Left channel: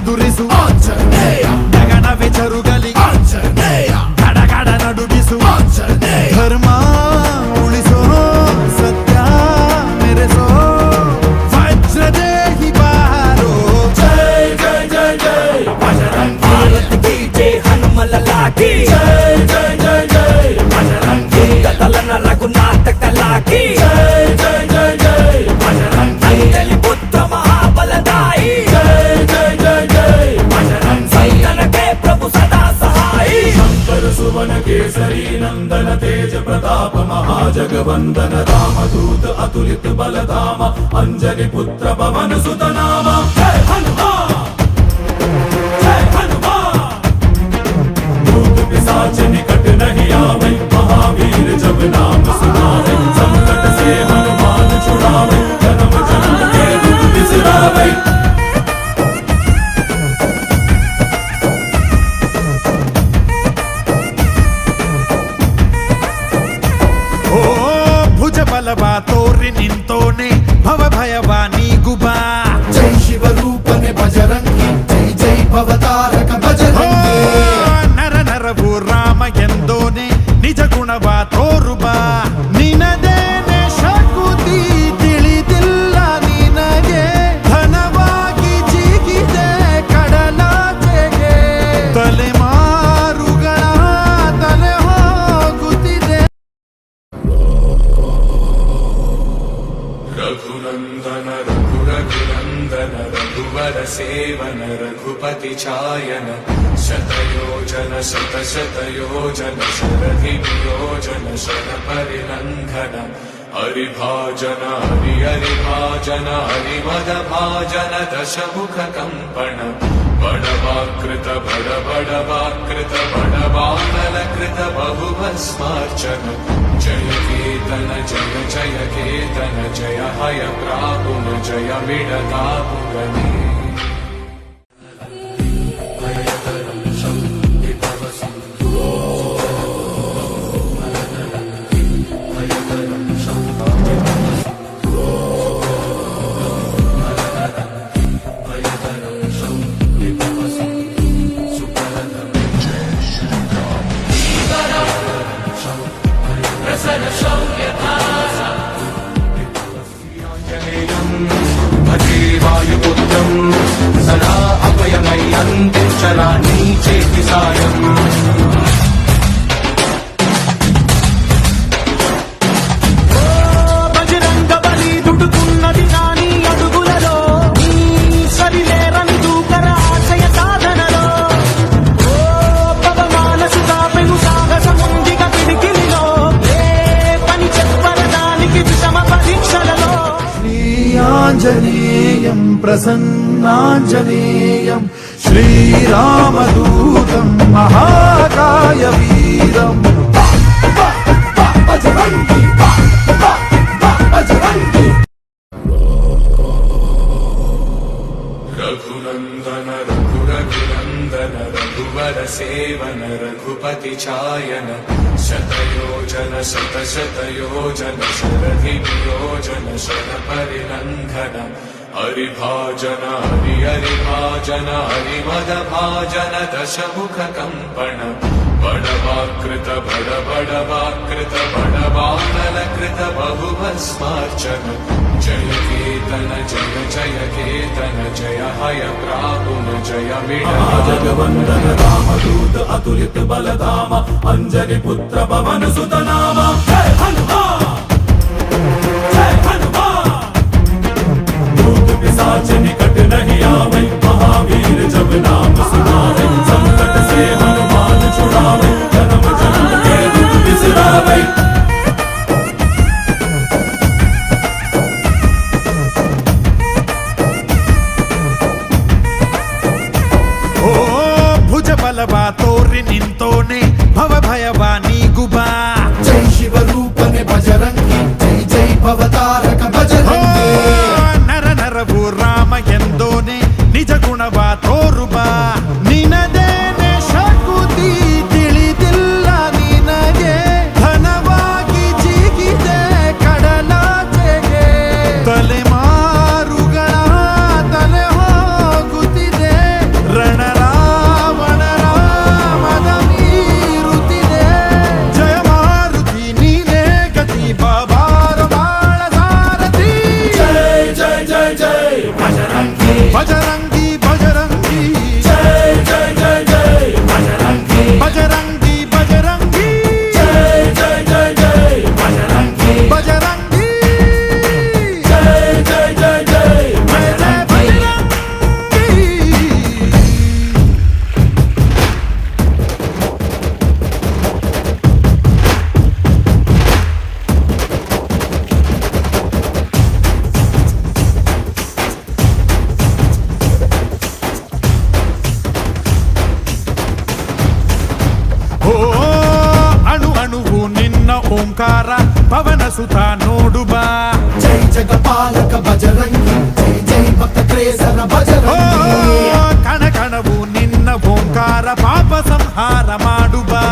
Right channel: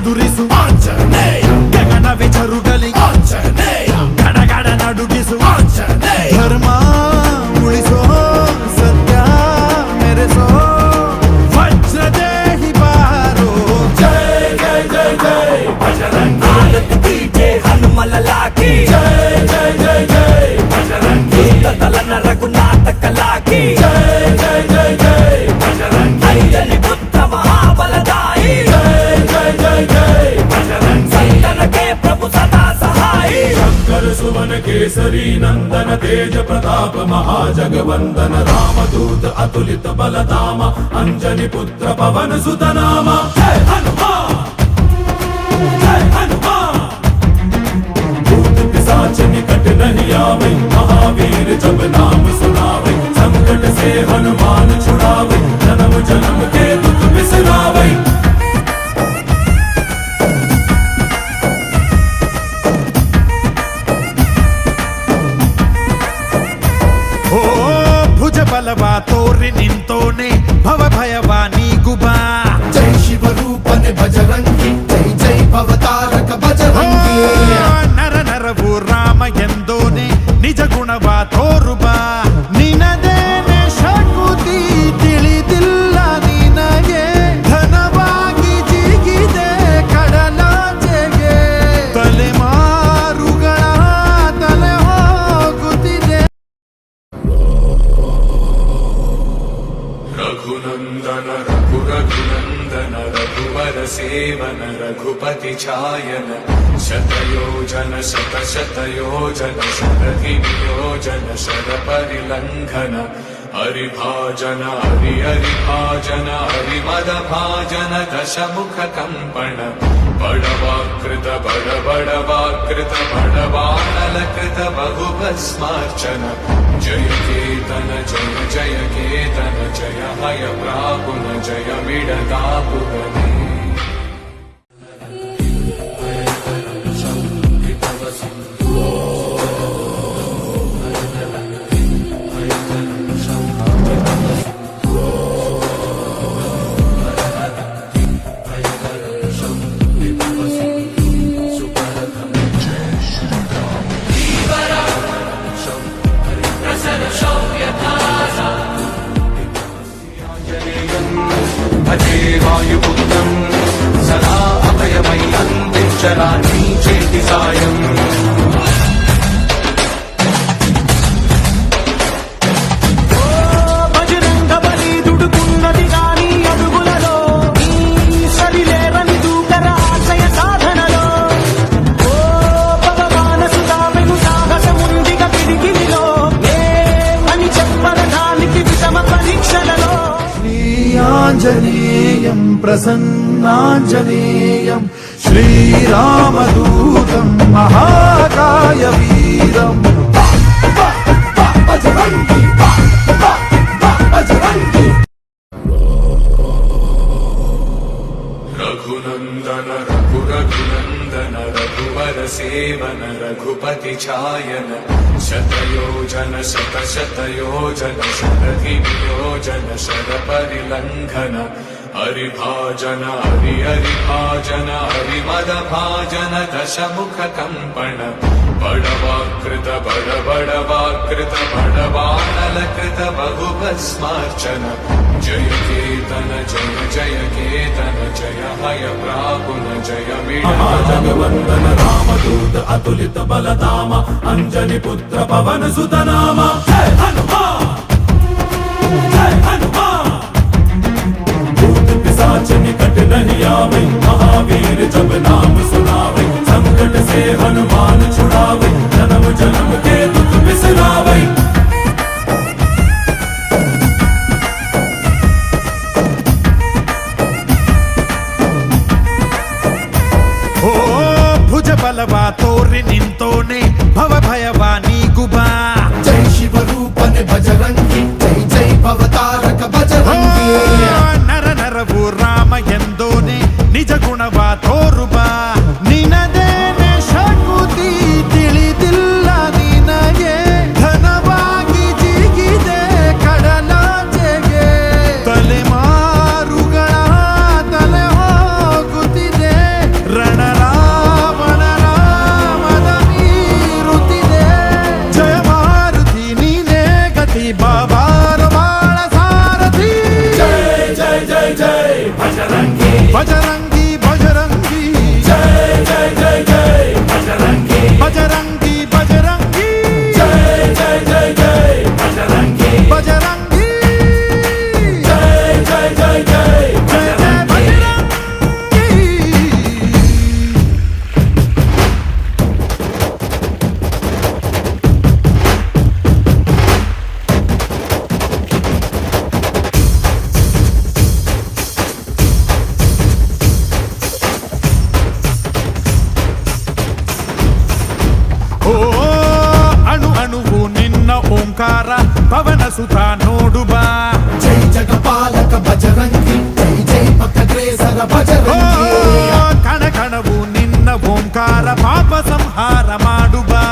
ಎದುರಿಸು ಆಂಜನೇಯ, ಗಗನವೇ ಜರುಗಲಿ ಆಂಜನೇಯ, ಗಡಗಡ ನಡುಗಿಸು ಆಂಜನೇಯ, ಧರ್ಮ ಉಳಿಸೋ ಸತ್ಯ ಮೆರೆಸೋ ವಜ್ರದೇಹಿ ಬಾರೋ. ಜೈ ಜೈ ಜೈ ಜೈ ಬಜರಂಗಿ, ಭಾರತ್ ಕಿ ಜೈ ಹನುಮಲ ಲಾಠಿ, ಜೈ ಜೈ ಜೈ ಜೈ ಬಜರಂಗಿ, ಕದಲನ ರಘುನಾಥ ಕಲಾಕಿ, ಜೈ ಜೈ ಜೈ ಜೈ ಬಜರಂಗಿ, ಅಂಜಲಿ ಪುತ್ರ ಮಹಾಬಲದಾಯಿ, ಜೈ ಜೈ ಜೈ ಜೈ ಬಜರಂಗಿ, ಸಂತನಕ್ಕೆ ಪ್ರಭು ಸದಾ ಸಹಾಯಿ, ಶಂಕರ ಸುವನ ಕೇಸರಿ ನಂದನ तेज प्रताप महाजगवंदन रामदूत अतुलित बलधाम अंजनी पुत्र पवन सुत नाम. जय हनुमान, जय हनुमान, भूत पिशाच निकट नहीं आवे, महावीर जब नाम सुनावे, संकट से हनुमान छुड़ावे, जन्म जन्म के दुख बिसरावे. ಓ ಭುಜ ಬಲವ ತೋರಿ ನಿಂತೋನೆ ಭವ ಭಯವ ನೀಗುಬಾ. ಜೈ ಶಿವ ರೂಪನೆ ಬಜರಂಗಿ, ಜೈ ಜೈ ಭವತಾರಕ ಬಜರಂಗಿ. ನರ ನರವು ರಾಮ ಎಂದೋನೆ ನಿಜ ಗುಣವ ತೋರುಬಾ. ನಿನದೇನೆ ಶಕುತಿ ತಿಳಿದಿಲ್ಲ ನಿನಗೆ, ಧನವಾಗಿ ಜಿಗಿದೆ ಕಡಲಾಚೆಗೆ, ತಲೆಮಾರುಗಳ ತಲೆ ಹೋಗುತ್ತಿದೆ. रघुनंदन रघुरघुनंदन रघुवर सेवन रघुपति चायन, शतयोजन शतशतयोजन शरधियोजन शरपरिलंघन, हरिभाजन हरि हरिभाजन हरिमदभाजन दशमुख कंपन, बड़वाकृत बड़ बड़वाकृत बड़वानलकृत बहुभस्मार्चन, जय केतन जय जय केतन जय हय प्रापुन जय विडदापुरने. सदा अभयमय्यन्ते चरानि चेति सायम्. బజరంగ బలి దుడుకున్నది రాని అడుగులలో, సరిలేవని దూకర ఆశయ సాధనలో, భగవానసుతా విను సాహసముందిక పిడికిలిలో, ఏ పని చెప్పరదానికి విషమ పరీక్షలలో. శ్రీయాంజనేయం ప్రసన్నాంజనేయం శ్రీరామదూతం మహాకాయ వీరం. బజరంగి, బజరంగి. रघुनंदन रघुरघुनंदन रघुवर सेवन रघुपति चायन, शतयोजन शतशतयोजन शरधियोजन शरपरिलंघन, हरिभाजन हरि हरिभाजन हरिमदभाजन दशमुख कंपन, बड़वाकृत बड़ बड़वाकृत बड़वानलकृत बहुभस्मार्चन, जय केतन जय जय केतन जय हय प्रापुन जय विडदापुरने. रामदूत अतुलित बलधाम अंजनी पुत्र पवन सुत नाम. जय हनुमान, जय हनुमान, भूत पिशाच निकट नहीं आवे, महावीर जब नाम सुनावे, संकट से हनुमान छुड़ावे, जन्म जन्म के दुख बिसरावे. ಓ ಭುಜ ಬಲವ ತೋರಿ ನಿಂತೋನೆ ಭವ ಭಯವ ನೀಗುಬಾ. ಜೈ ಶಿವ ರೂಪನೆ ಬಜರಂಗಿ, ಜೈ ಜೈ ಭವತಾರಕ ಬಜರಂಗಿ. ನರ ನರವು ರಾಮ ಎಂದೋನೆ ನಿಜ ಗುಣವ ತೋರುಬಾ. ನಿನದೇನೆ ಶಕುತಿ ತಿಳಿದಿಲ್ಲ ನಿನಗೆ, ಧನವಾಗಿ ಜಿಗಿದೆ ಕಡಲಾಚೆಗೆ, ತಲೆಮಾರುಗಳ ತಲೆ ಹೋಗುತ್ತಿದೆ. ಬಾಬಾರ ಬಾಳ ಸಾರಥಿ ಜೈ ಜೈ ಜೈ ಜೈ ಬಜರಂಗಿ ಬಜರಂಗಿ ಬಜರಂಗಿ ಜೈ ಜೈ ಜೈ ಜೈ ಬಜರಂಗಿ ಬಜರಂಗಿ ಬಜರಂಗಿ ಜೈ ಜೈ ಜೈ ಜೈ ಬಜರಂಗಿ ಬಜರಂಗಿ ಜೈ ಜೈ ಜೈ ಜೈ ಜಯ ಜಯ ಬಜರಂಗಿ ಓ ಅಣು ಅಣುವು ನಿನ್ನ ಓಂಕಾರ ಪವನ ಸುತ ನೋಡು ಬಾ ಜೈ ಜಗಪಾಲಕ ಬಜರಂಗಿ ಜೈ ಜೈ ಭಕ್ತಗ್ರೇಸರ ಓ ಬಜರಂಗಿ ಕಣ ಕಣವು ನಿನ್ನ ಓಂಕಾರ ಪಾಪ ಸಂಹಾರ ಮಾಡು ಬಾ